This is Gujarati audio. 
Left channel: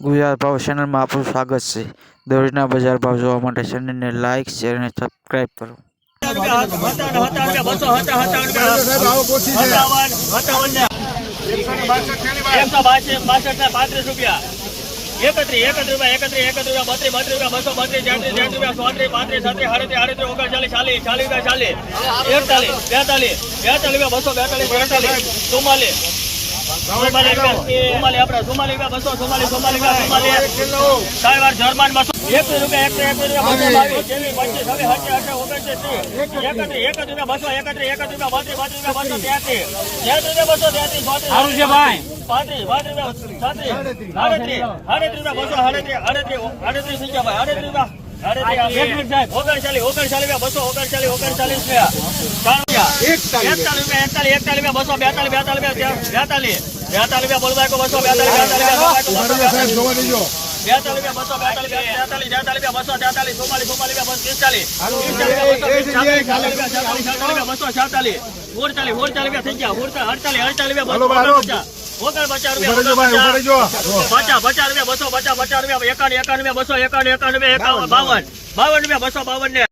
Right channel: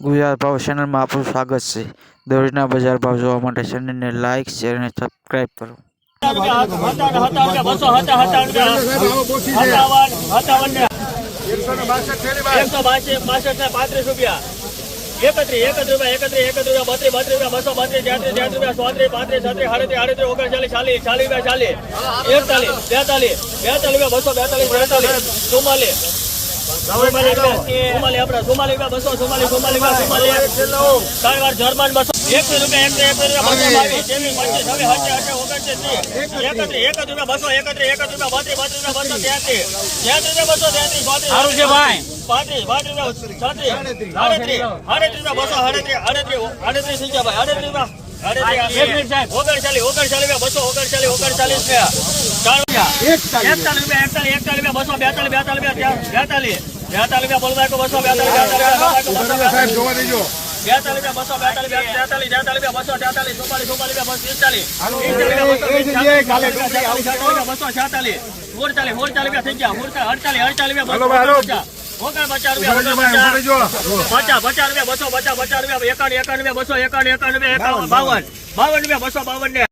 ગુજરાત ભાવ ચેનલમાં આપનું સ્વાગત છે દરરોજના બજાર ભાવ જોવા માટે ચેનલને લાઇક શેર અને સબસ્ક્રાઇબ કરો એકત્રીસ એકત્રીસ રૂપિયા એકત્રીસ એકત્રીસ રૂપિયા બત્રીસ બત્રીસ રૂપિયા બસો બત્રીસ તેત્રીસ તેત્રીસ રૂપિયા ચોત્રીસ પાંત્રીસ છત્રીસ આડત્રીસ આડત્રીસ ઓગણચાલીસ ચાલીસ ચાલીસ ચાલીસ બેતાલીસ બેતાલીસ રૂપિયા બસો બેતાલીસ ચુમ્માલીસ રૂપિયા બસો જર્મન બસો એકવીસ રૂપિયા ભાઈ પાંત્રીસ રૂપિયા થઈ ગયા. અડતાલીસ અડતાલીસ બસો બસો પચાસ રૂપિયા બસો એકાવન એકાવન એકાવન બાવન. બાવન રૂપિયા બસો બાવન ને